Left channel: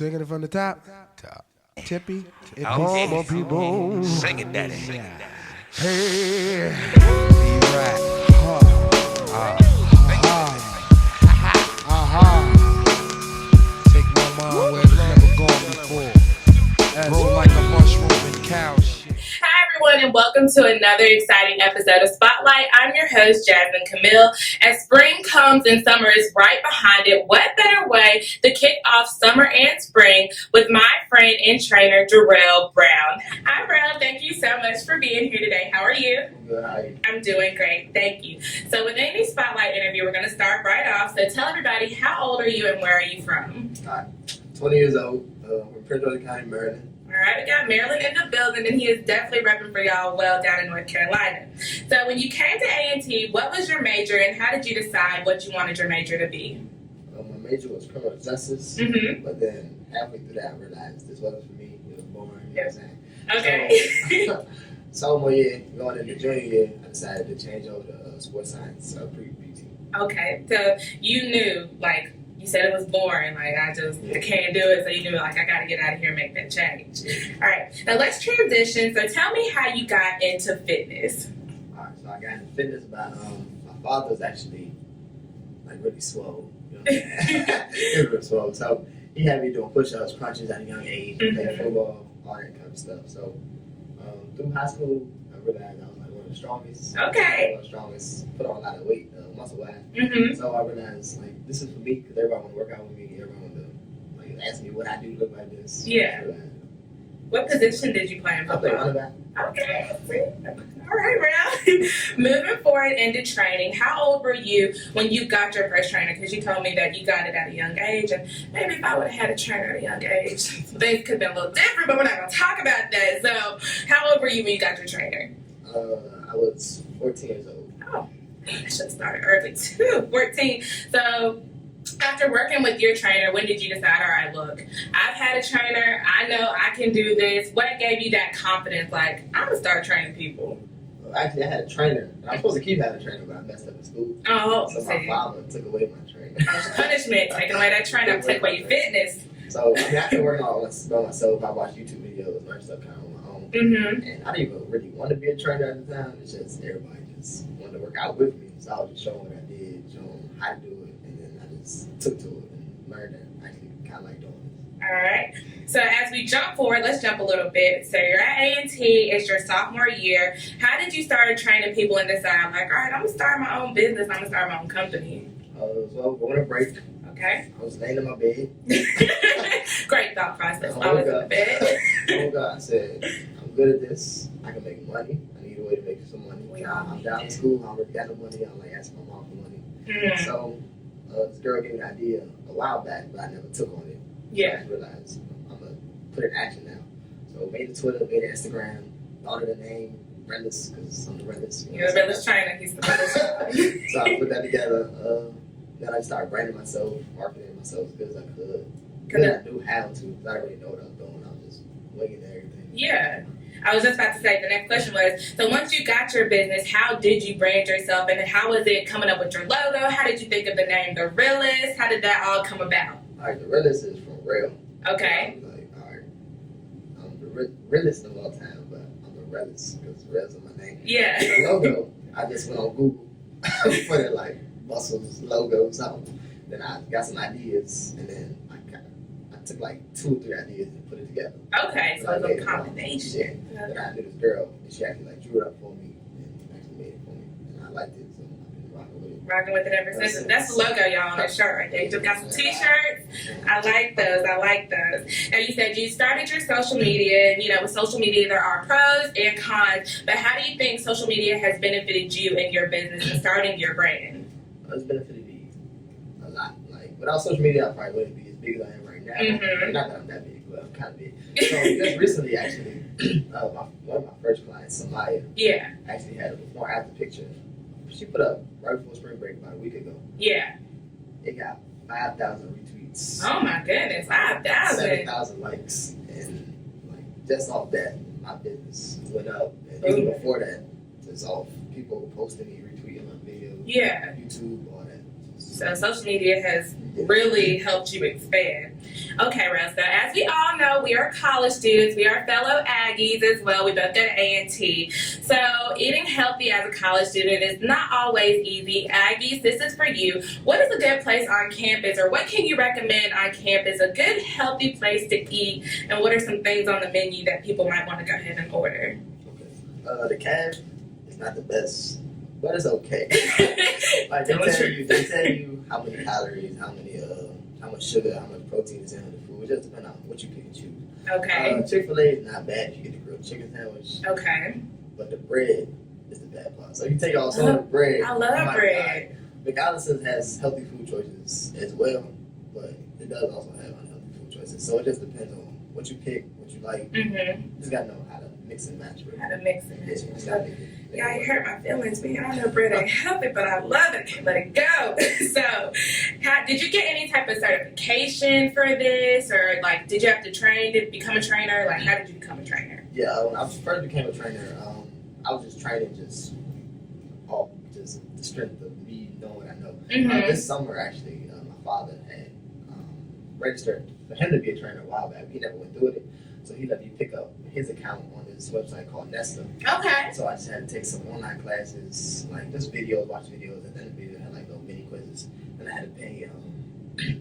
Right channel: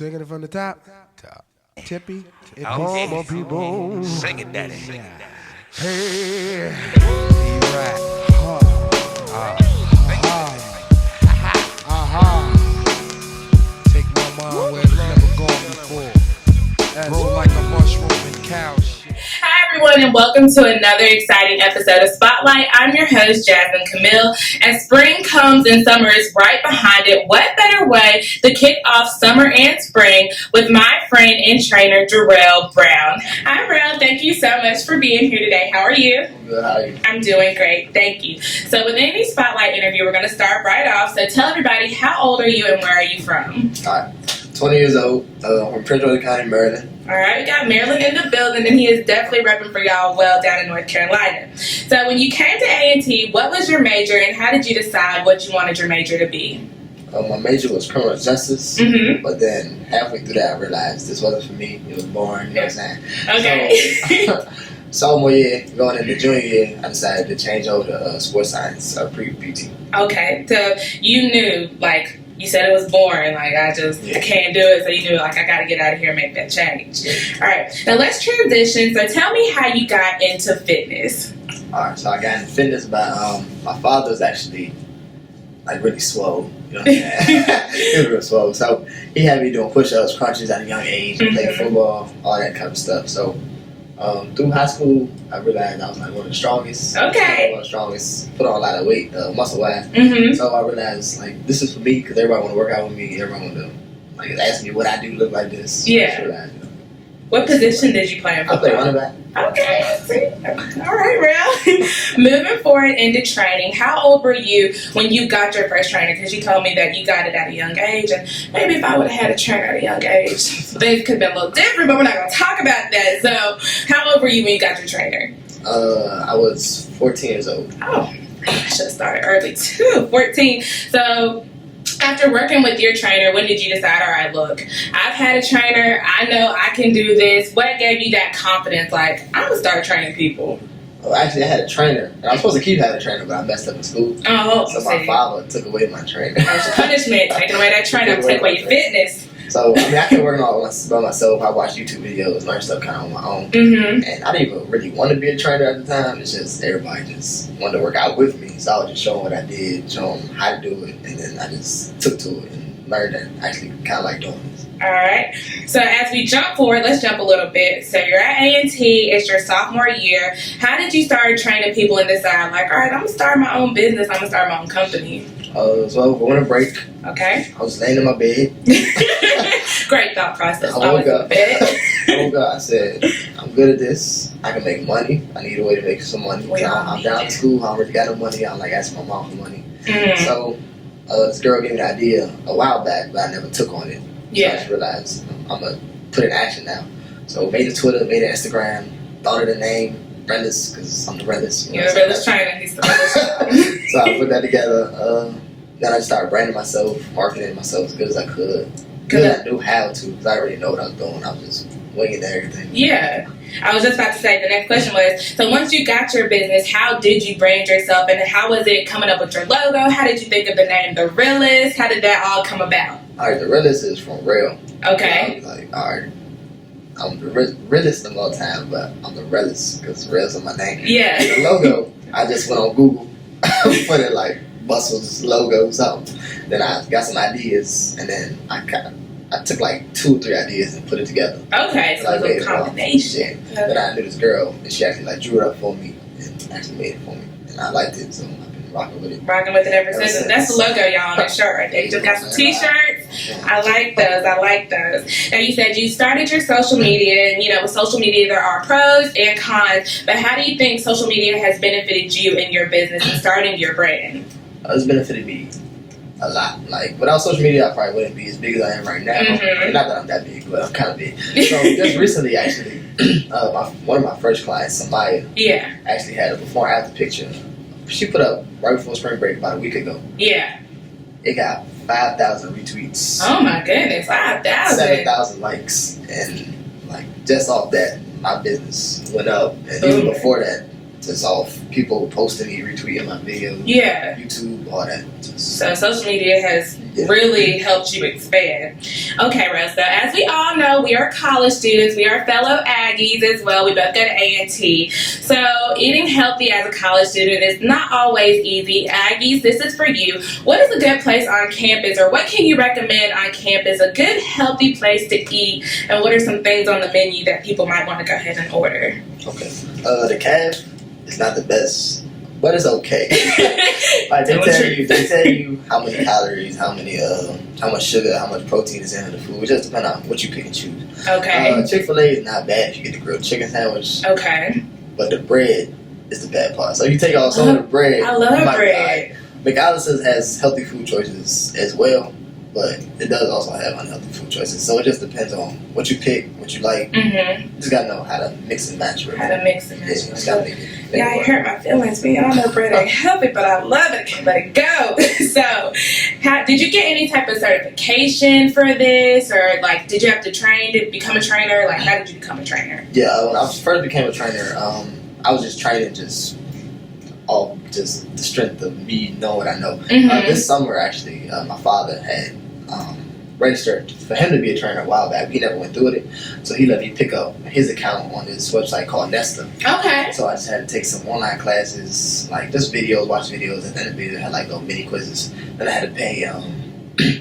Taking it from the top. Top. Tippy. It Oh, bomb on people. Sing it, daddy. Hey. B-Rap. Take my mind where it's never gone before. Grow like a mushroom and cow shit. Hi everyone and welcome to another exciting episode of Spotlight. I'm your host Jasmine Camille. As spring comes and summer is right behind it, what better way to kick off summer and spring with my friend and trainer Jerrell Brown. Hi Jerrell, thank you so much for being here today. How are you? Good, how are you? I'm doing great, thank you. So with any Spotlight interview, we're going to start right off. So tell everybody, how old are you and where are you from? Alright, 20 years old, from Prince George County, Maryland. All right, we got Maryland in the building, and he is definitely repping for y'all well down in North Carolina. So when you came to A&T, what was your major, and how did you decide what you wanted your major to be? My major was criminal justice, but then halfway through that I realized this wasn't for me. It was boring, you know what I'm saying? Okay. So, sophomore year, going into junior year, I decided to change over to sports science, pre-PT. Okay, so you knew, like, you said it was boring, like, I can't do it, so you knew, like, I gotta get out of here and make that change. All right, now let's transition. So tell me how you got into fitness. All right, so I got into fitness by, my father was actually, like, really swole, you know what I'm saying? He was real swole, so he had me doing push-ups, crunches at a young age, playing football, all that kind of stuff, so through high school, I realized I was like one of the strongest. Okay. One of the strongest. Put on a lot of weight, muscle-wise. Mm-hmm. So I realized like this is for me because everybody want to work out with me. Everyone want to like ask me what I do look like this. So Yeah. I realized, What position did you play in I play football? running back. Okay, I see. All right, Real. Moving forward into training, how old were you when you got your first trainer? Because you told me that you got it at a young age, and maybe if I would have had a trainer at a young age, things could have been a little different, but we're not going to talk about that. So, how old were you when you got your trainer? I was 14 years old. Oh, I should have started early too, 14. So, after working with your trainer, when did you decide, all right, look, I've had a trainer, I know I can do this. What gave you that confidence, like, I'm going to start training people? Well, actually, I had a trainer. And I was supposed to keep having a trainer, but I messed up in school. Oh, So my father took away my trainer. That's your punishment, taking away that trainer, take away your fitness. So, I mean, I kept working on it by myself. I watched YouTube videos, learned stuff kind of on my own. Mm-hmm. And I didn't even really want to be a trainer at the time. It's just everybody just wanted to work out with me. So I was just showing what I did, showing them how to do it. And then I just took to it and learned that I actually kind of like doing this. All right. So as we jump forward, let's jump a little bit. So you're at A&T. It's your sophomore year. How did you start training people and decide, like, all right, I'm going to start my own business. I'm going to start my own company. So going to break. Okay. I was laying in my bed. Great thought process. I woke in the up. bed. I woke up. I said, I'm good at this. I can make money. I need a way to make some money. I'm down in school. I don't really got no money. I'm like asking my mom for money. Mm. So this girl gave me the idea a while back, but I never took on it. Yeah. So I just realized I'm going to put it in action now. So made a Twitter, made an Instagram, thought of the name, Rellis, because I'm the Rellis. You're the realest trainer. He's the realest. So I put that together. Then I just started branding myself, marketing myself as good as I could. Because I knew how to, because I already know what I was doing. I was just winging everything. Yeah. I was just about to say, the next question was, so once you got your business, how did you brand yourself, and how was it coming up with your logo? How did you think of the name The Realest? How did that all come about? All right, the realest is from real. Okay. Like, all right, I'm the realest of all time, but I'm the realest because real's in my name. Yeah. The logo, I just went on Google, put it like Bustle's logo or something. Then I got some ideas, and then I took like 2 or 3 ideas and put it together. Okay, so it was a combination. Yeah. Then I knew this girl, and she actually like drew it up for me and actually made it for me, and I liked it, so I've been rocking with it. Rocking with it ever since. That's the logo, y'all, on that shirt right there. You just got some t-shirts. I like those. Now, you said you started your social media, and, you know, with social media, there are pros and cons, but how do you think social media has benefited you in your business and starting your brand? It's benefited me a lot. Like, without social media, I probably wouldn't be as big as I am right now. Mm-hmm. I mean, not that I'm that big, but I'm kind of big. So, just recently, actually, one of my first clients, Samaya, actually had a before and after picture. She put up right before spring break about a week ago. Yeah. It got 5,000 retweets. Oh my goodness, 5,000. 7,000 likes. And, like, just off that, my business went up. And even before that, just off people posting me, retweeting my videos. Yeah. YouTube, all that. So social media has really helped you expand. Okay, Rel, so as we all know, we are college students. We are fellow Aggies as well. We both go to A&T. So eating healthy as a college student is not always easy. Aggies, this is for you. What is a good place on campus, or what can you recommend on campus, a good healthy place to eat, and what are some things on the menu that people might want to go ahead and order? Okay. The calf is not the best, but it's okay. Like they tell you how many calories, how much sugar, how much protein is in the food. It just depends on what you pick and choose. Okay. Chick-fil-A is not bad if you get the grilled chicken sandwich. Okay. But the bread is the bad part. So if you take out some of the bread, I love bread. McAllister's has healthy food choices as well, but it does also have unhealthy food choices. So it just depends on what you pick, what you like. Mm-hmm. You just gotta know how to mix and match. How to mix and match. Yeah, just gotta make it It hurt my feelings. Man, I know bread ain't healthy, but I love it. Can't let it go. So, did you get any type of certification for this, or like, did you have to train to become a trainer? Like, how did you become a trainer? Yeah, when I first became a trainer, I was just training off just the strength of me knowing what I know. Mm-hmm. This summer, actually, my father had registered for him to be a trainer a while back. He never went through it, so he let me pick up his account on this website called Nesta. Okay. So I just had to take some online classes, like just videos, watch videos, and then the video had like little mini quizzes. Then I had to pay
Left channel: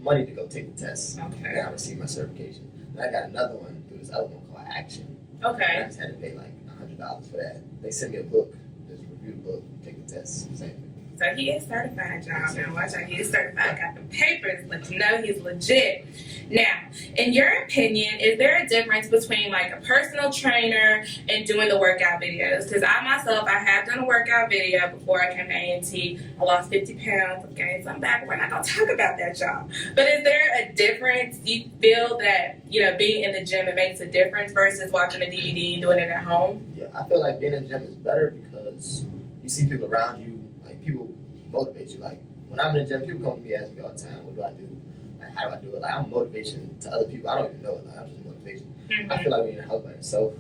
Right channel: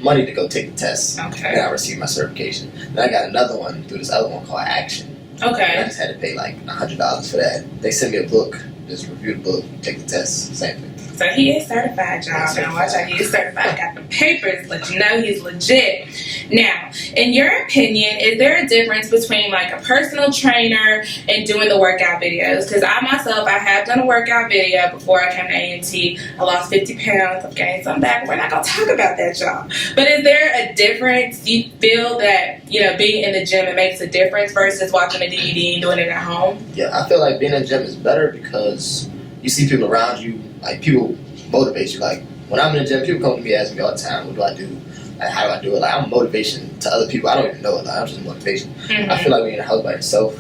money to go take the tests. Okay. Then I received my certification. Then I got another one through this other one called Action. Okay. And I just had to pay like $100 for that. They sent me a book, just review the book, take the test, same thing. So he is certified, y'all. Now watch out, he is certified. Got the papers, let you know he's legit. Now, in your opinion, is there a difference between like a personal trainer and doing the workout videos? Because I myself, I have done a workout video before I came to A&T. I lost 50 pounds. I've gained some back. We're not gonna talk about that, y'all. But is there a difference? Do you feel that, you know, being in the gym, it makes a difference versus watching a DVD and doing it at home? Yeah, I feel like being in the gym is better because you see people around you, like people motivate you. Like when I'm in the gym, people come to me asking me all the time, what do I do? Like how do I do it? Like I'm motivation to other people. I don't even know it. Like I'm just motivation. Mm-hmm. I feel like when you're in the house by yourself,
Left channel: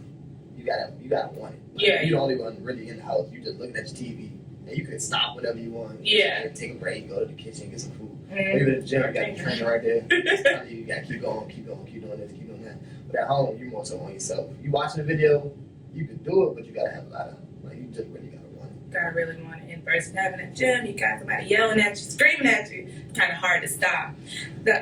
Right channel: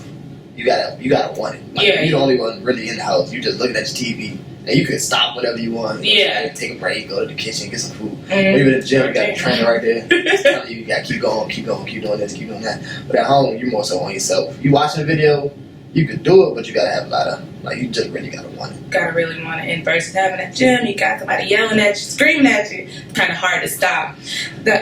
you gotta want it. Like, Yeah. You're the only one really in the house. You just looking at your TV and you can stop whenever you want. Yeah. You take a break, go to the kitchen, get some food. Mm-hmm. When you're in the gym, you got the trainer right there. It's telling you gotta keep going, keep doing this, keep doing that. But at home, you're more so on yourself. You watching a video, you could do it, but you gotta have a lot of, like, you just really gotta want it. Gotta really want it. And versus having a gym, you got somebody yelling at you, screaming at you. It's kind of hard to stop.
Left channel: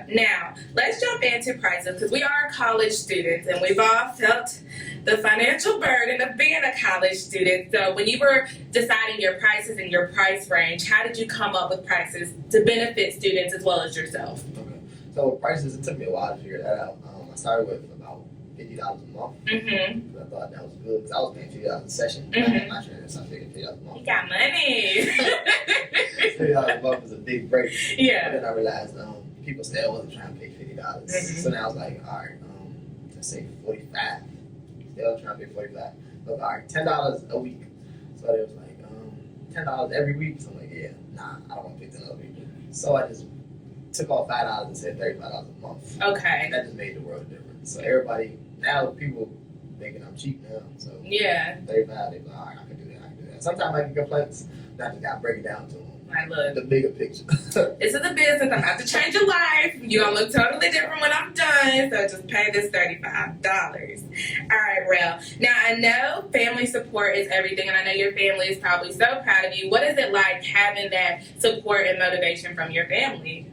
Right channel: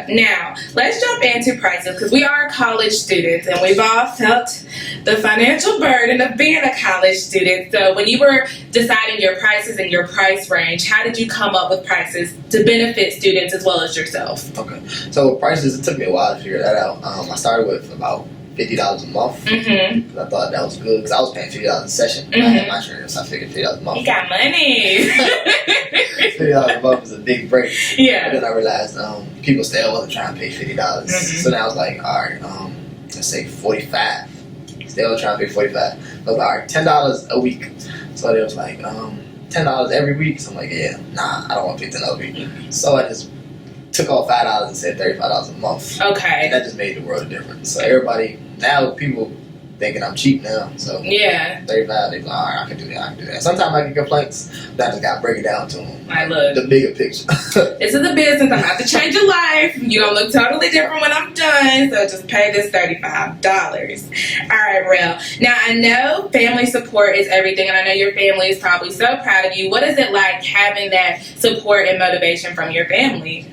Now, let's jump into prices because we are college students and we've all felt the financial burden of being a college student. So when you were deciding your prices and your price range, how did you come up with prices to benefit students as well as yourself? Okay. So with prices, it took me a while to figure that out. I started with about $50 a month Mm-hmm. because I thought that was good because I was paying $50 a session. I had my trainer, so I figured $50 a month. You got money. $50 a month was a big break. But Yeah. then I realized people still wasn't trying to pay $50. Mhm. So now I was like, all right, let's say $45. Still trying to pay $45. I was like, all right, $10 a week. So they was like, $10 every week. So I'm like, yeah, nah, I don't want to pay $10 a week. So I just took off $5 and said $35 a month. Okay. And that just made the world a difference. So everybody, now people thinking I'm cheap now. So Yeah. 35, they be like, all right, I can do that. Sometimes I get complaints, but I just got to break it down to them. Like, look. The bigger picture. This is a business. I'm about to change your life. You're going to look totally different when I'm done. So just pay this $35. All right, Rel. Now, I know family support is everything, and I know your family is probably so proud of you. What is it like having that support and motivation from your family?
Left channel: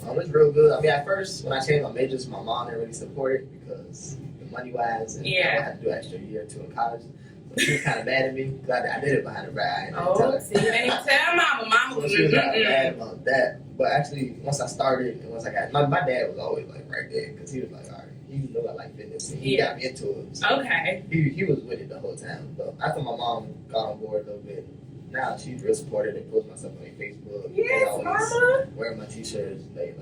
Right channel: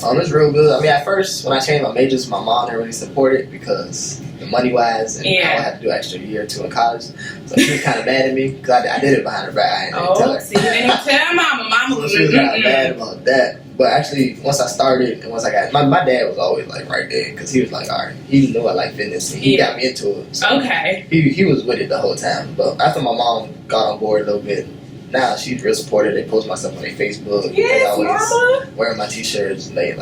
It's real good. I mean, at first, when I changed my majors, my mom didn't really support it because the money-wise, and I would have to do an extra year or two in college. So she was kind of mad at me because I did it behind her back. I didn't tell her. See, you didn't tell Mama. Mama So was she was kind of mad about that. But actually, once I started and once I got, my dad was always like right there because he was like, all right, he knew I like fitness and he got me into it. So Okay. He was with it the whole time. But after my mom got on board a little bit, now she's real supportive. They post my stuff on their Facebook. They Yes, always Mama. wearing my t-shirts and they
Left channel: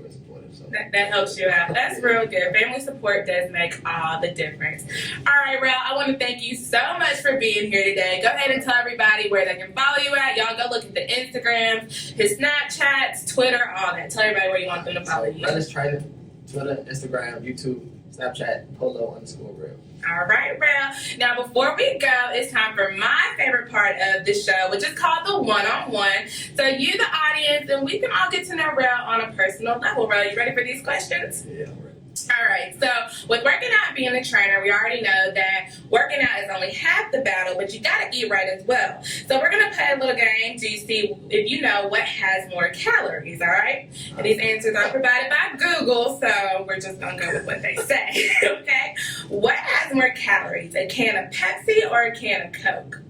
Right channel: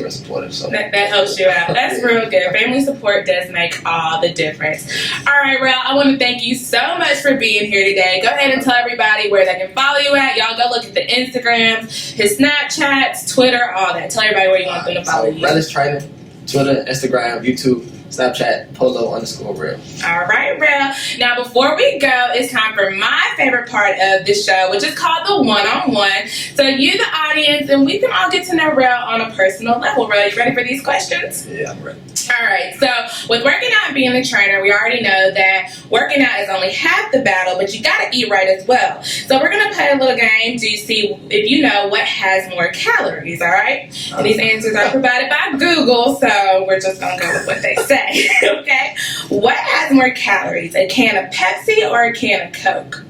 real supportive. So That helps you out. That's real good. Family support does make all the difference. All right, Rel, I want to thank you so much for being here today. Go ahead and tell everybody where they can follow you at. Y'all go look at the Instagrams, his Snapchats, Twitter, all that. Tell everybody where you want them to follow you. Rel is training Twitter, Instagram, YouTube, Snapchat, Polo_Real. All right, Rel. Now, before we go, it's time for my favorite part of the show, which is called the one-on-one. So you, the audience, and we can all get to know Rel on a personal level. Rel, you ready for these questions? Yeah, I'm ready. All right, so with working out and being a trainer, we already know that working out is only half the battle, but you got to eat right as well. So we're going to play a little game to see if you know what has more calories, all right? And these answers are provided by Google, so we're just going to go with what they say, okay? What has more calories, a can of Pepsi or a can of Coke?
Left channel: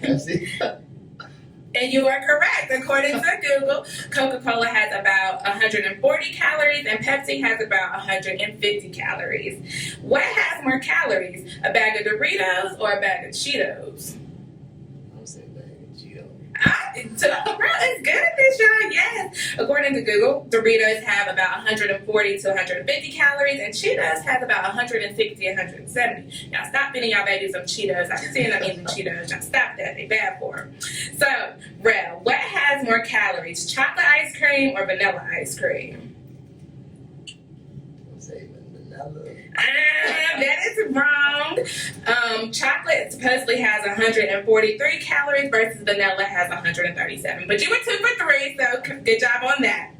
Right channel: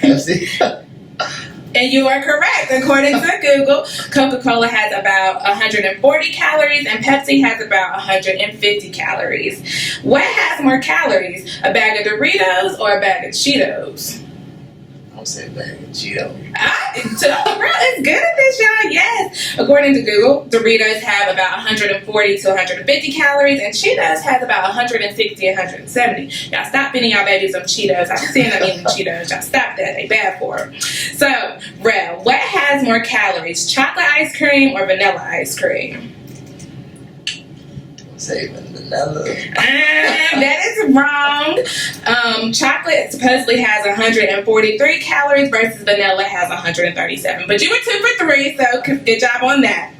Pepsi. And you are correct. According to Google, Coca-Cola has about 140 calories and Pepsi has about 150 calories. What has more calories, a bag of Doritos or a bag of Cheetos? I'm saying bag of Cheetos. Bro, it's good at this, y'all. Yes. According to Google, Doritos have about 140 to 150 calories and Cheetos has about 160 170. Y'all stop feeding y'all babies some Cheetos. I've seen them eating Cheetos. Y'all stop that. They bad for them. So, Rel, what has more calories, chocolate ice cream or vanilla ice cream? I'm saying vanilla. That is wrong. Chocolate supposedly has 143 calories versus vanilla has 137. But you were 2 for 3, so good job on that.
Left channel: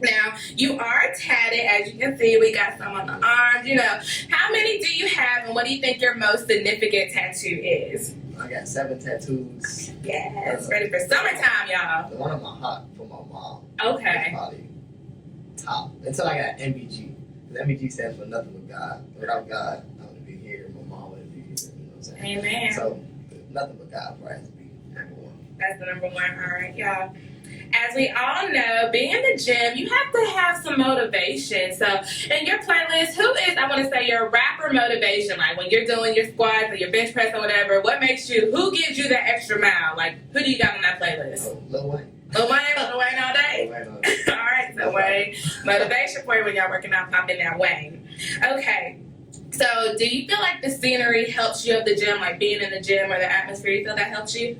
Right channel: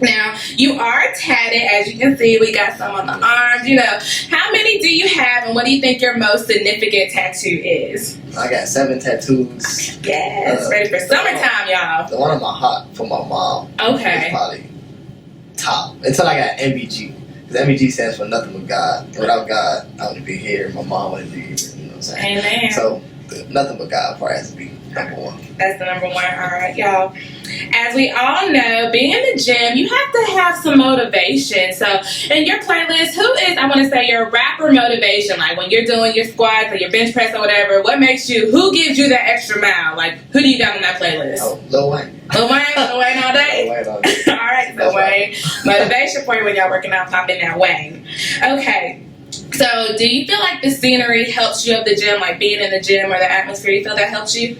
Now, you are tatted. As you can see, we got some on the arms. You know, how many do you have and what do you think your most significant tattoo is? I got 7 tattoos. Yes, ready for summertime, y'all. The one on my heart for my mom. Okay. Is probably top. Until I got MBG. Because MBG stands for nothing but God. And without God, I wouldn't be here. My mom wouldn't be here. You know what I'm saying? Amen. So, nothing but God probably has to be number one. That's the number one. All right, y'all. As we all know, being in the gym, you have to have some motivation. So, in your playlist, who is, I want to say, your rapper motivation? Like, when you're doing your squats or your bench press or whatever, what makes you, who gives you that extra mile? Like, who do you got on that playlist? Oh, Lil Wayne. Lil Wayne? Lil Wayne all day? Lil Wayne all day. All right, Lil Wayne. Motivation for you when y'all working out, pop in that Wayne. Okay. So, do you feel like the scenery helps you at the gym, like being in the gym or the atmosphere? You feel that helps you?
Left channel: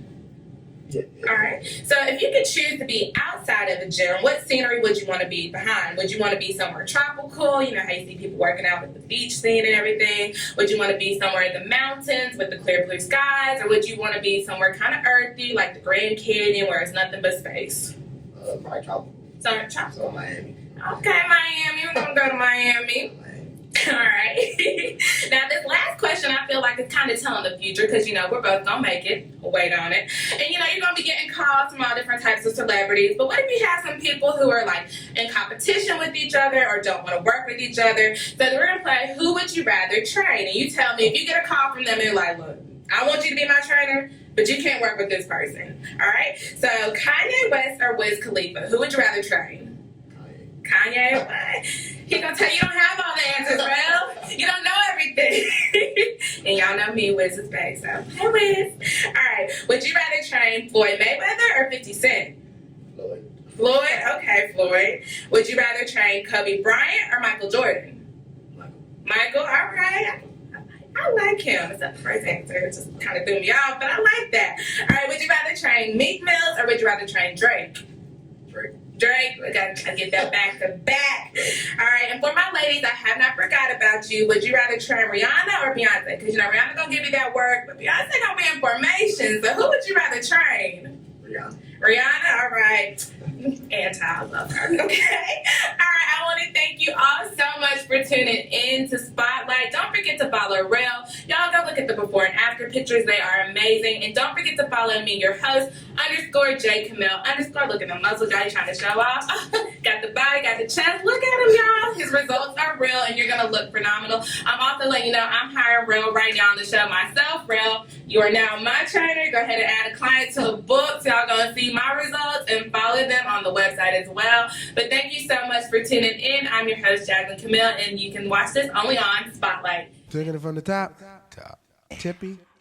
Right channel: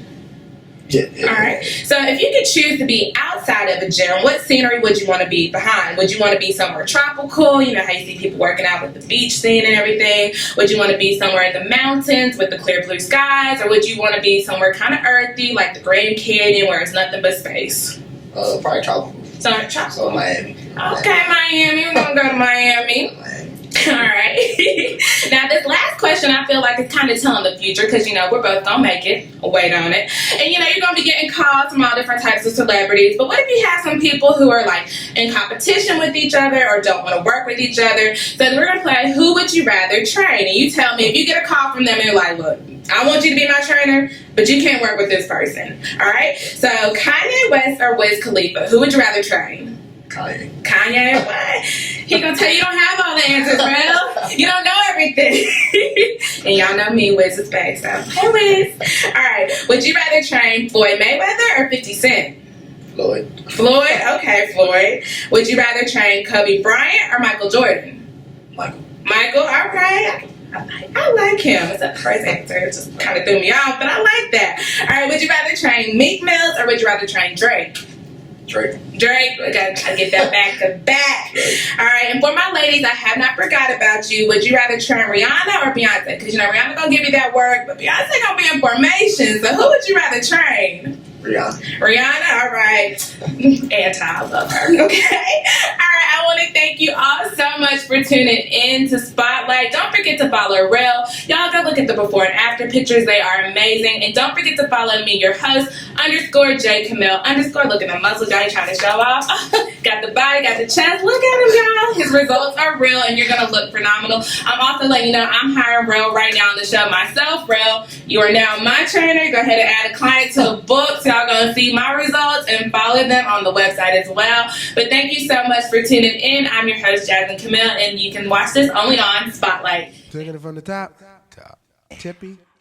Yeah. All right. So if you could choose to be outside of a gym, what scenery would you want to be behind? Would you want to be somewhere tropical? You know how you see people working out with the beach scene and everything. Would you want to be somewhere in the mountains with the clear blue skies? Or would you want to be somewhere kind of earthy like the Grand Canyon where it's nothing but space? Probably tropical. So tropical. So Miami. Okay, Miami. We're going to go to Miami. All right. Now, this last question, I feel like it's kind of telling the future because, you know, we're both going to make it. Wait on it. And, you know, you're going to be getting calls from all different types of celebrities. But what if you have some people who are, like, in competition with each other or don't want to work with each other? So we're going to play Who Would You Rather Train? And you tell me if you get a call from them and you're like, look, I want you to be my trainer, but you can't work with this person. All right? So Kanye West or Wiz Khalifa, who would you rather train? Kanye, why? He gonna tell you don't have all the answers, bro. You don't know everything. And y'all know me, Wiz is back, so hey, Wiz. All right, would you rather train Floyd Mayweather or 50 Cent? Floyd. Floyd? Okay, Floyd. Would you rather train Kobe Bryant or Michael Jordan? Michael. Michael, all right. I like him. It's a first answer. It just kind of threw me off, but I like that. All right, would you rather train Meek Mills or would you rather train Drake? Drake. We gotta get that back to back. All right, and for my ladies, I have not forgot about you. Would you rather train Rihanna or Beyonce? Because, you know, Rihanna gonna give you that work, but Beyonce gonna be in formation. So who would you rather train? Rihanna, all right. Anti, I love her. Okay. All right, I want to thank you all so much for tuning in to Spotlight. Don't forget to follow Rel. Y'all go look at the before and after pictures. They are amazing. And don't forget to follow me, your host, _J_Camille_. Look at the muscles y'all trying to show off. Got the body, got the chest. Look at him, y'all. His results are real, and you're going to look phenomenal. I'm also letting you know I'm hiring Rel right now on the show myself. Rel, you are now my trainer. Go ahead and add a client to the book. So y'all going to see my results and follow them on the website as well. But thank you so much for tuning in. I'm your host, Jasmine Camille, and you can watch this only on Spotlight. Taking it from the top. Tippy.